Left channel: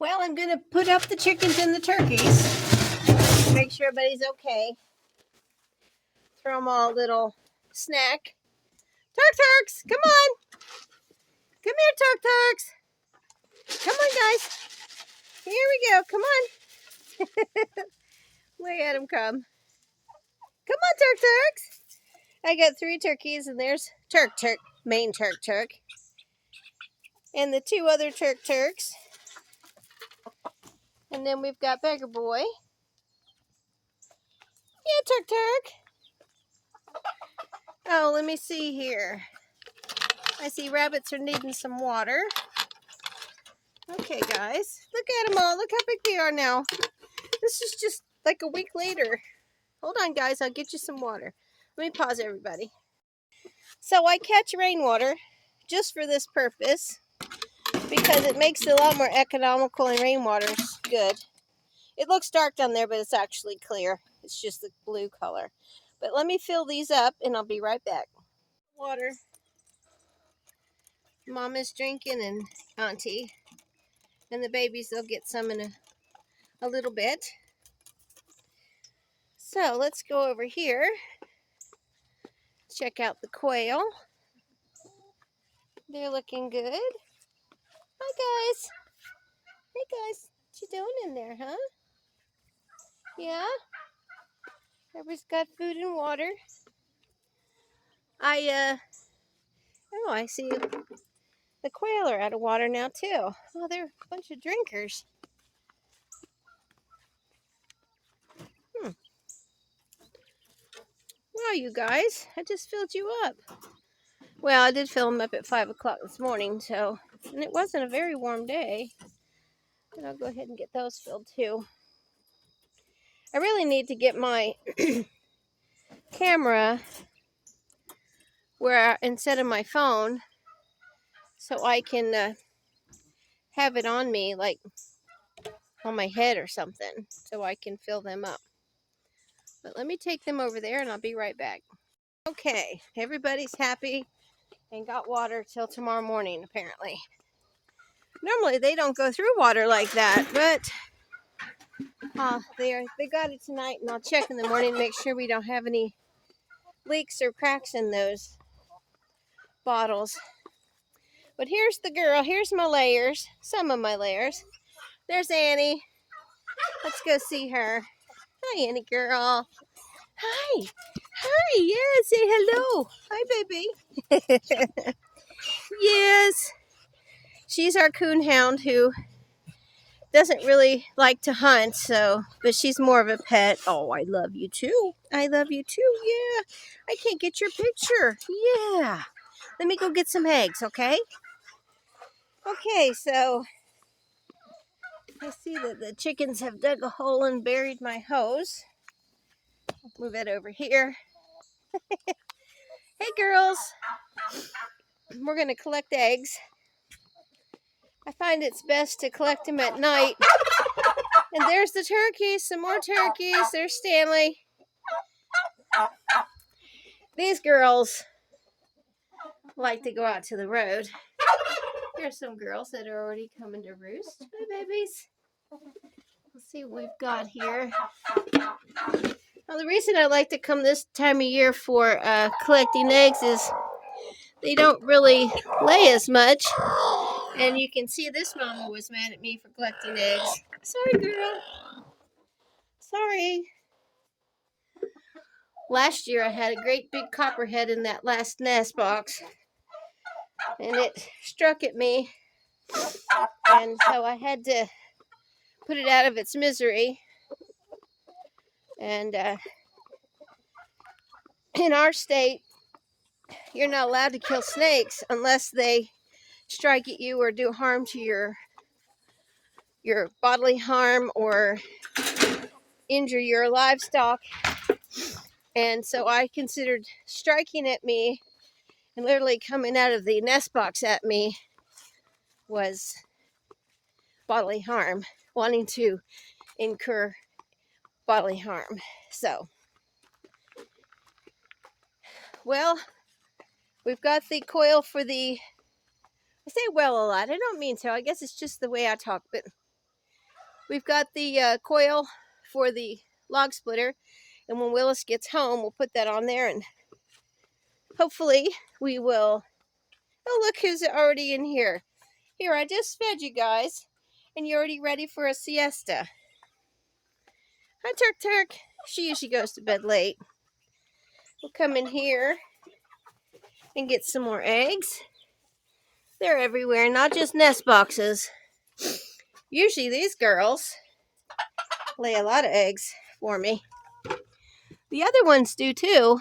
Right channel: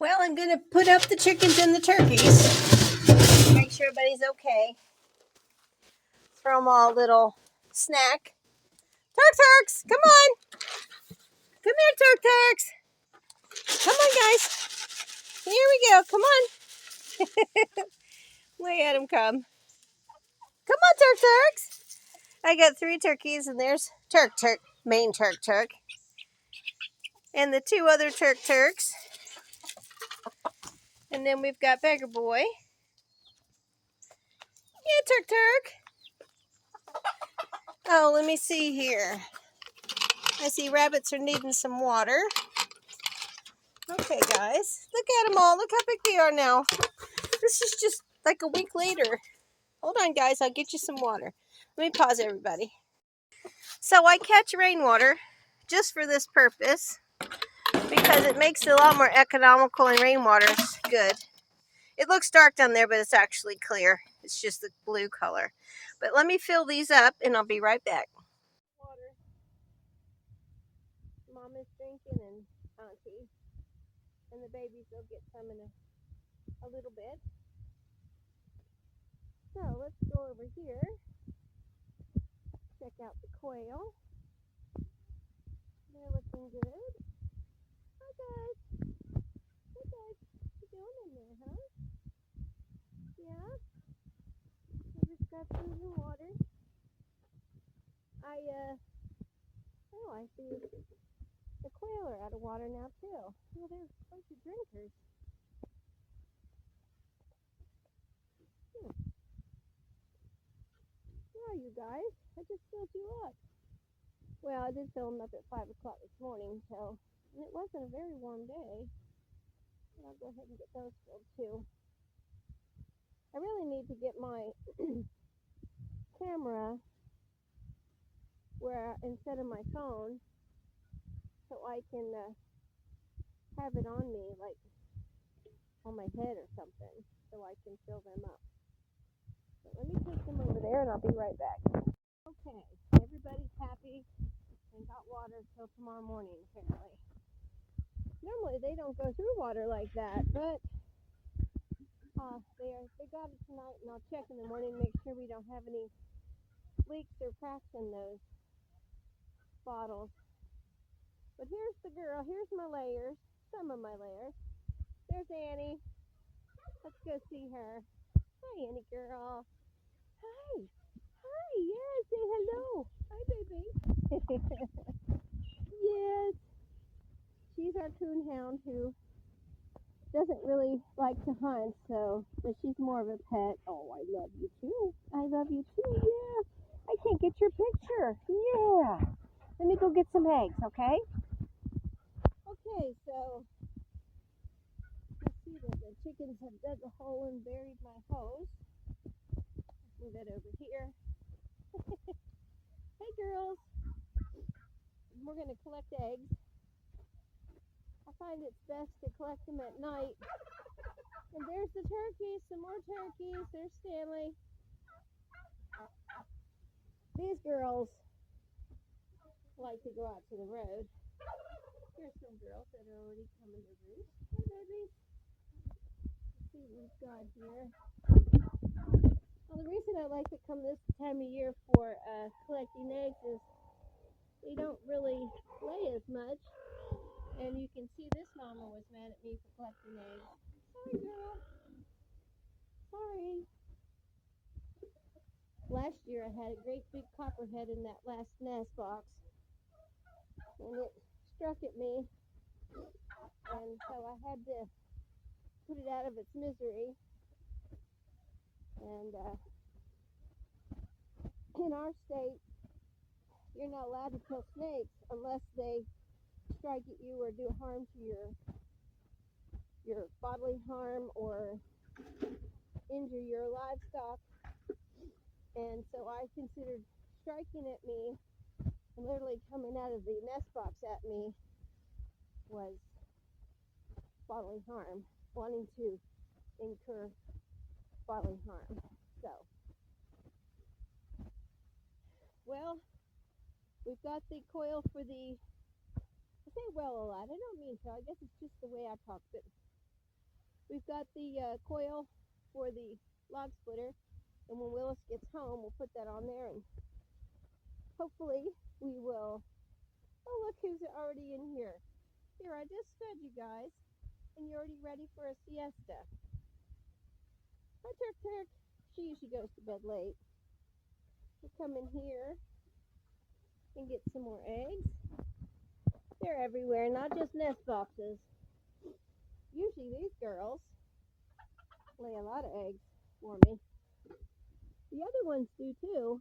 Well, I'm going to put up the chickens and the turkeys. Make sure everybody's okay. Throw them all a little snack. Turks, come on. Come here, Turks. Come on, guys. Here we go. Come on. Look at them come. Come on, Turks. I got 3 turkeys, and there's Turk, main Turk. And the 2 other Turks. And then we've got Beggar Boy. Yeah, Turk. Oh, let me see here. I see rabbits are needing some water. Okay, guys. Look at them all. Look how big they are now. This is just like a week later. Hold on, guys. I'll get you some water. Let me pause, everybody. So I catch rainwater just for this purpose because it makes it a lot more economical, and rainwater's good. It looks dark down there, but it's actually clear. It's just the blue color. But let me fill these up, and I'll be right back. Water. Mom is drinking, and Auntie. And the babies, they'll get some in a little bit. So let's go over here. Check out the quail. They're looking good. Hi, guys. Hey, guys. What you doing in there, huh? Yeah? Everybody's got food and water. I see the quail are out of water now, too. Oh, they're a bunch of drinkers. Wow, you guys. I just filled you up. Well, I did fill them up at 5 o'clock this morning, and it wasn't a very warm day. And I'll go ahead and get those filled, too. I really need to get my camera instead of my phone, so I can have it on me, like on my head or something, so I can fill them up. But let me take them over there, and I'll be right back. Okay, everybody's happy and got water till tomorrow morning, apparently. Normally they don't go through water like that, but they got it tonight, and I'll check in the morning to make sure we don't have any leaks or cracks in those bottles. But here's the girl. Here's my layers. Some of my layers. There's Annie. Let's go see her. Hi, Annie girl. Hi. Hi. Yeah, say hello. Hi, baby. Yes. She's our coon hound who doesn't really like to hunt, but she's more of a pet. Oh, I love you too. I love you too. Yeah. I can't get your picture. Yeah. Let me go get some eggs, okay? Okay, so I see that the chickens have dug a hole and buried my hose. Move it over here. Hey, girls. We're going to collect eggs. I find it's best to collect them at night. And there's the turkeys. Some more turkeys. There's Stanley. These girls like to go out to the road. Here's some girls that are already coming to roost. Hi, babies. Let's see what we've got here. Well, the reason I like to come this time of year for collecting eggs is they don't really lay as much. And you can see this mama was mad at me for collecting eggs. Sorry, girl. Sorry. Last year I had a great big copperhead in that last nest box. And it struck at me. And so I had to put it out of its misery. And in our state, you're not allowed to kill snakes unless they strike at you or do harm to your bodily harm or injure your livestock. And so I considered striking at me and literally coming out of the nest box at me was bodily harm, wanting to incur bodily harm. So, well, we've got the coil for I say well a lot. I don't mean to. I guess it's just the way I talk, but We've got the coil for the log splitter, and when Willis gets home, we'll put that on there, and hopefully we will. Oh, look who's already in here. Here, I just fed you guys, and you're already ready for a siesta. Hi, Turk Turk. She usually goes to bed late. We'll come in here and get some more eggs. They're everywhere, not just nest boxes. Usually these girls lay a lot of eggs for me. The other ones do too,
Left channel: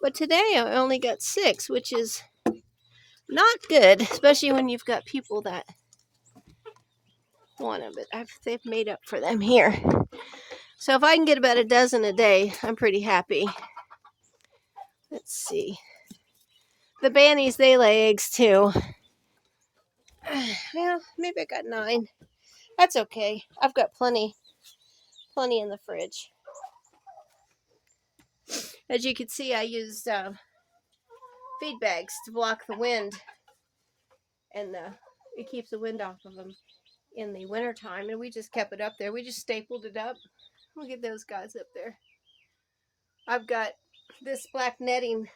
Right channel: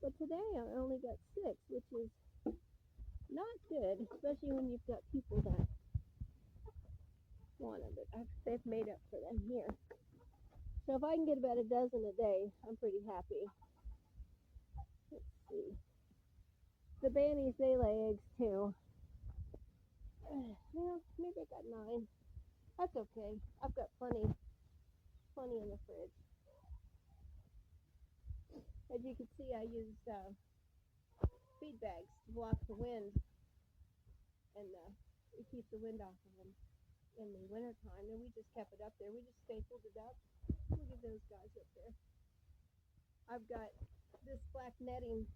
but today I only got 6, which is not good, especially when you've got people that want them, but they've made up for them here. So if I can get about a dozen a day, I'm pretty happy. Let's see. The bannies, they lay eggs too. Well, maybe I got 9. That's okay. I've got plenty in the fridge. As you can see, I used feed bags to block the wind, and it keeps the wind off of them in the wintertime, and we just kept it up there. We just stapled it up. Look at those guys up there. I've got this black netting,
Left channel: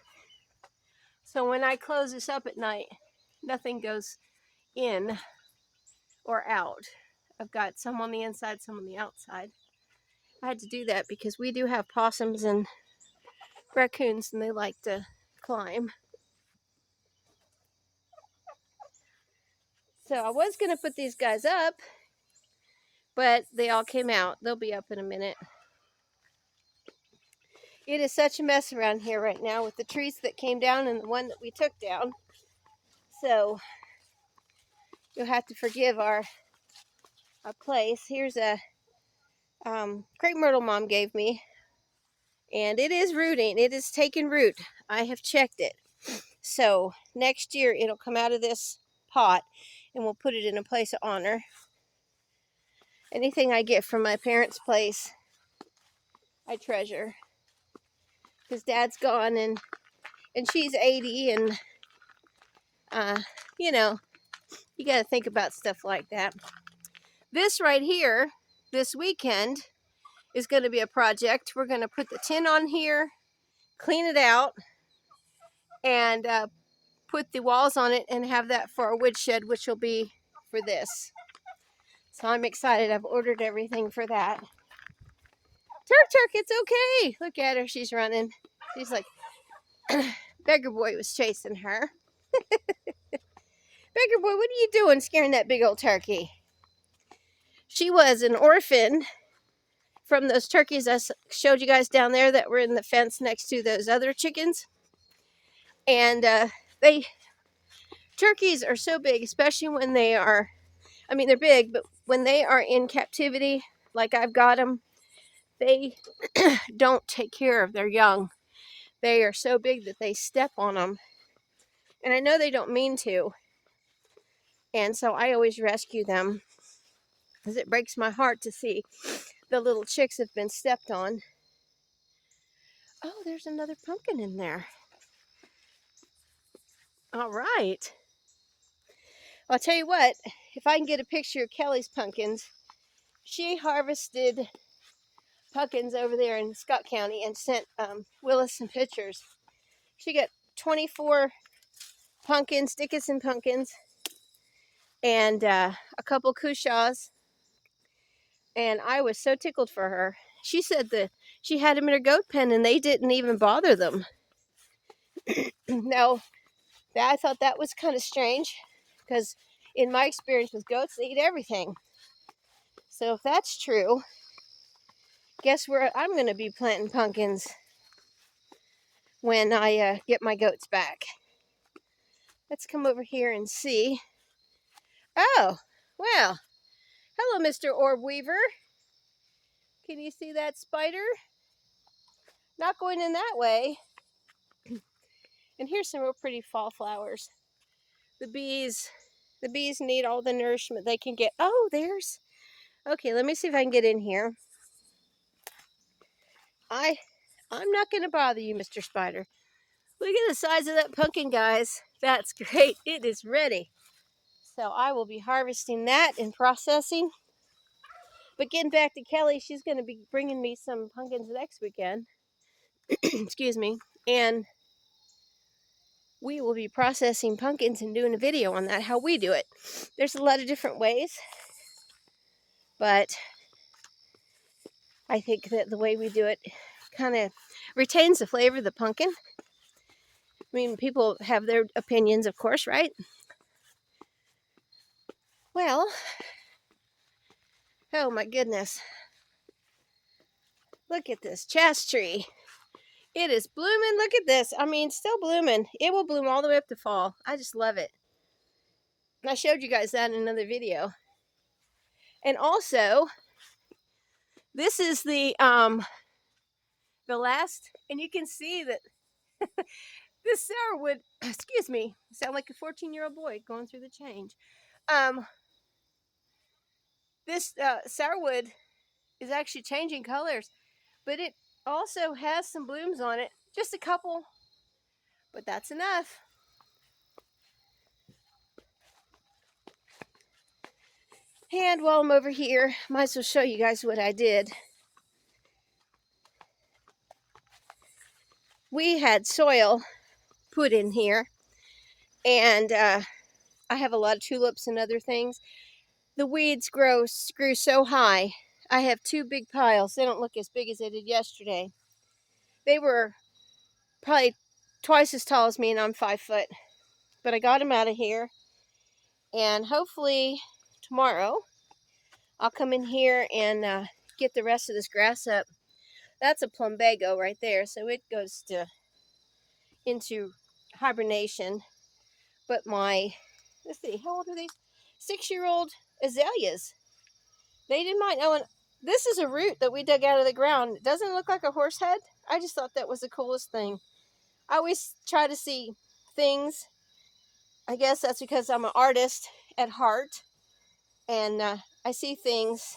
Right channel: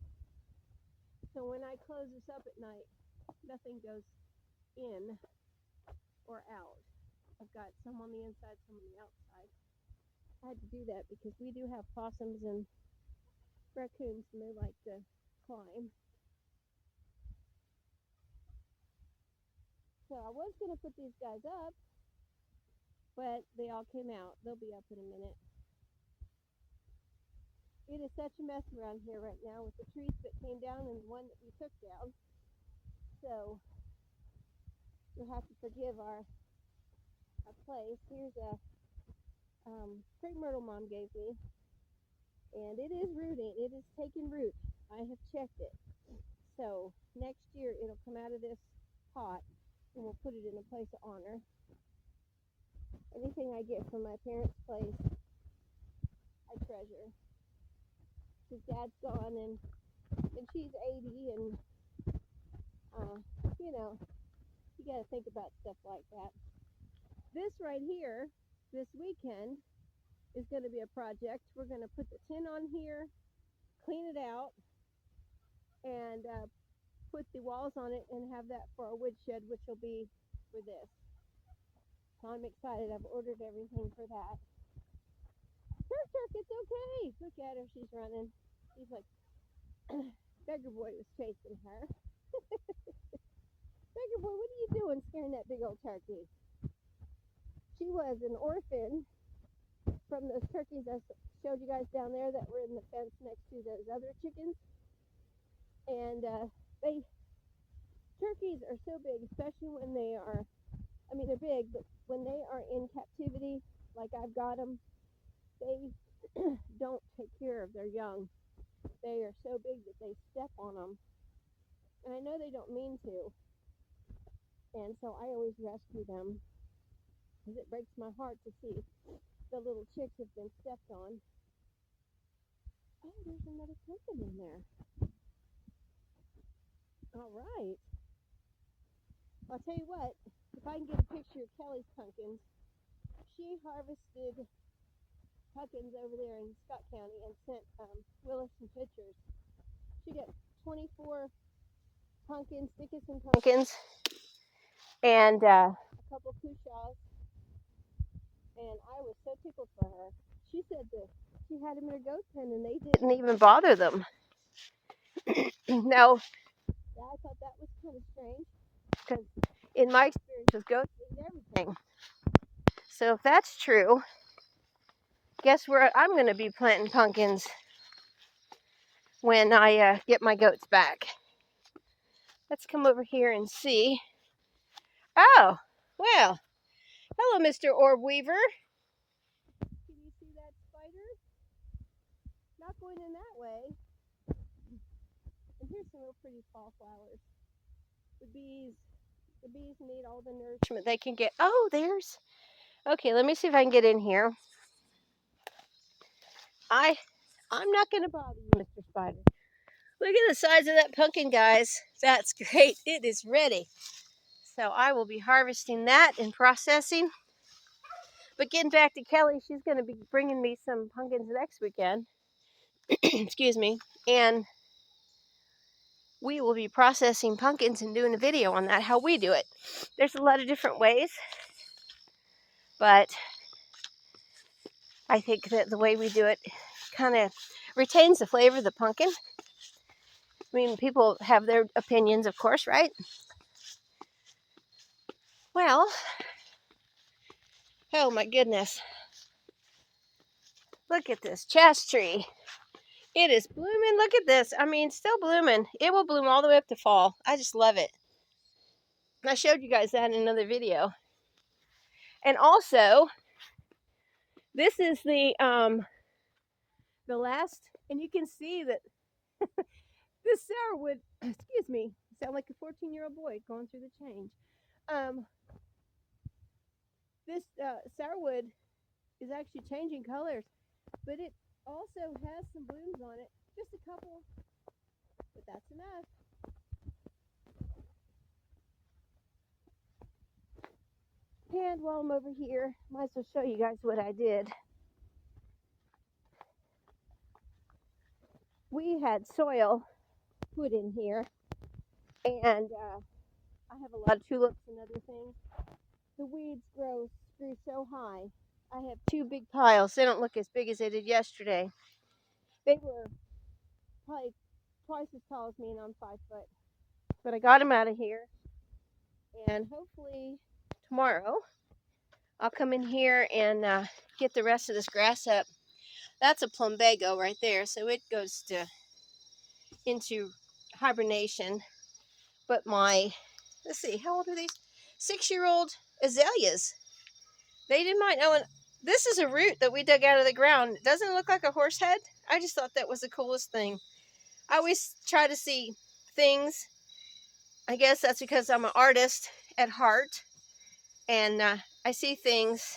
so when I close this up at night, nothing goes in or out. I've got some on the inside, some on the outside. I had to do that because we do have possums and raccoons, and they like to climb. So I was going to put these guys up, but they all came out. They'll be up in a minute. It is such a mess around here right now with the trees that came down and the one that we took down. So you'll have to forgive our place. Here's a crepe myrtle Mom gave me, and it is rooting. It is taking root. I have checked it. So next year it'll come out of this pot, and we'll put it in a place of honor. Anything I get from my parents' place, I treasure. Because Dad's gone, and she's 80, and you know, you got to think about stuff like that. This right here, this weekend, is going to be a project. We're going to put the tin on here, clean it out, and put the walls on it, and have that for a woodshed, which will be for this. So I'm excited. I've ordered everything for that. Turk, it's okay. Look at her. She's running. She's like, Beggar Boy was chasing her. Beggar Boy, what are you doing scaring that big old turkey? She was an orphan from those turkeys I showed you guys down there that were in the fence next to those other chickens. And turkeys are so big, especially when they are, I mean, they're big, but when they are in captivity, like I've got them, they don't take care of their young. They are so big that they step on them. And I know they don't mean to. And so I always rescue them, because it breaks my heart to see the little chicks have been stepped on. Oh, there's another pumpkin in there. All right. I'll tell you what, if I can get a picture of Kelly's pumpkins, she harvested pumpkins over there in Scott County and sent Willis some pictures. She got 24 pumpkins, Dickinson pumpkins, and a couple cushaws. And I was so tickled for her. She said that she had them in her goat pen and they didn't even bother them. Now, I thought that was kind of strange, because in my experience with goats, they eat everything. So if that's true, guess where I'm going to be planting pumpkins when I get my goats back. Let's come over here and see. Oh, well, hello, Mr. Orb Weaver. Can you see that spider? Not going in that way. And here's some real pretty fall flowers. The bees need all the nourishment they can get. Oh, there's, okay, let me see if I can get in here. I'm not going to bother you, Mr. Spider. Look at the size of that pumpkin, guys. That's great. It is ready. So I will be harvesting that and processing. But getting back to Kelly, she's going to be bringing me some pumpkins next weekend. Excuse me. And we will be processing pumpkins and doing a video on that, how we do it. There's a lot of different ways, but I think that the way we do it kind of retains the flavor of the pumpkin. I mean, people have their opinions, of course, right? Well, oh my goodness. Look at this chas tree. It is blooming. Look at this. I mean, still blooming. It will bloom all the way up to fall. I just love it. And I showed you guys that in another video. And also, this is the last, and you can see that this sourwood, excuse me, sound like a 14-year-old boy going through the change. This sourwood is actually changing colors, but it also has some blooms on it. Just a couple, but that's enough. And while I'm over here, might as well show you guys what I did. We had soil put in here, and I have a lot of tulips and other things. The weeds grew so high. I have 2 big piles. They don't look as big as they did yesterday. They were probably twice as tall as me, and I'm 5 foot. But I got them out of here, and hopefully tomorrow I'll come in here and get the rest of this grass up. That's a plumbago right there, so it goes into hibernation. But let's see, how old are these? 6-year-old azaleas. They didn't mind. Oh, and this is a root that we dug out of the ground. Doesn't it look like a horse head? I just thought that was the coolest thing. I always try to see things. I guess that's because I'm an artist at heart. And I see things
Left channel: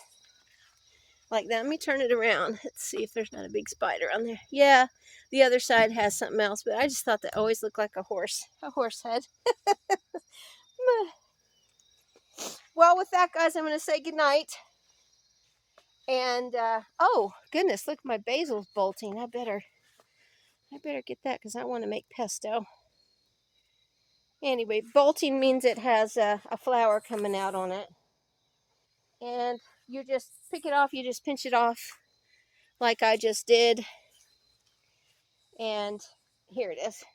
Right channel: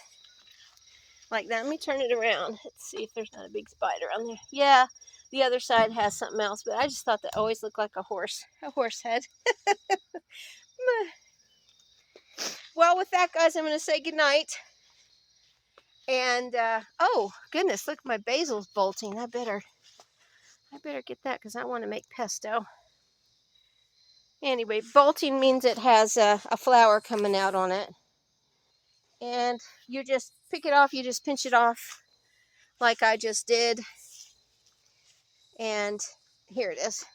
like that. Let me turn it around. Let's see if there's not a big spider on there. Yeah, the other side has something else, but I just thought that always looked like a horse head. Well, with that, guys, I'm going to say goodnight. And, oh, goodness, look, my basil's bolting. I better get that because I want to make pesto. Anyway, bolting means it has a flower coming out on it. And you just pick it off. You just pinch it off like I just did. And here it is.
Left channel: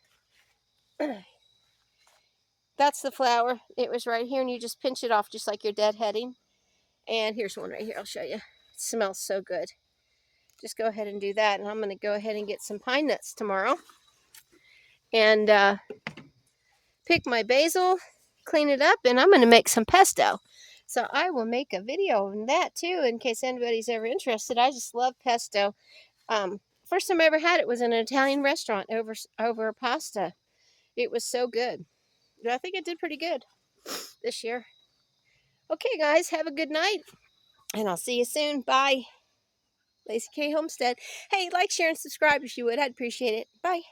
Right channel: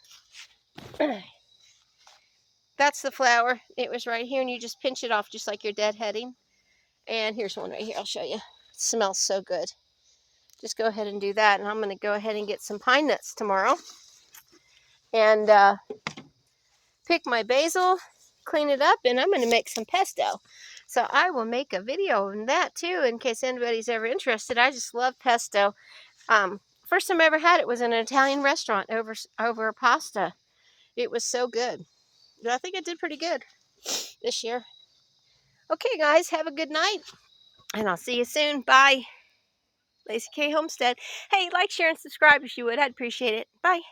That's the flower. It was right here, and you just pinch it off just like you're deadheading. And here's one right here. I'll show you. It smells so good. Just go ahead and do that. And I'm going to go ahead and get some pine nuts tomorrow. And pick my basil, clean it up, and I'm going to make some pesto. So I will make a video on that too in case anybody's ever interested. I just love pesto. First time I ever had it was in an Italian restaurant over a pasta. It was so good. I think I did pretty good this year. Okay, guys, have a good night, and I'll see you soon. Bye. Lacey K. Homestead. Hey, like, share, and subscribe if you would. I'd appreciate it. Bye.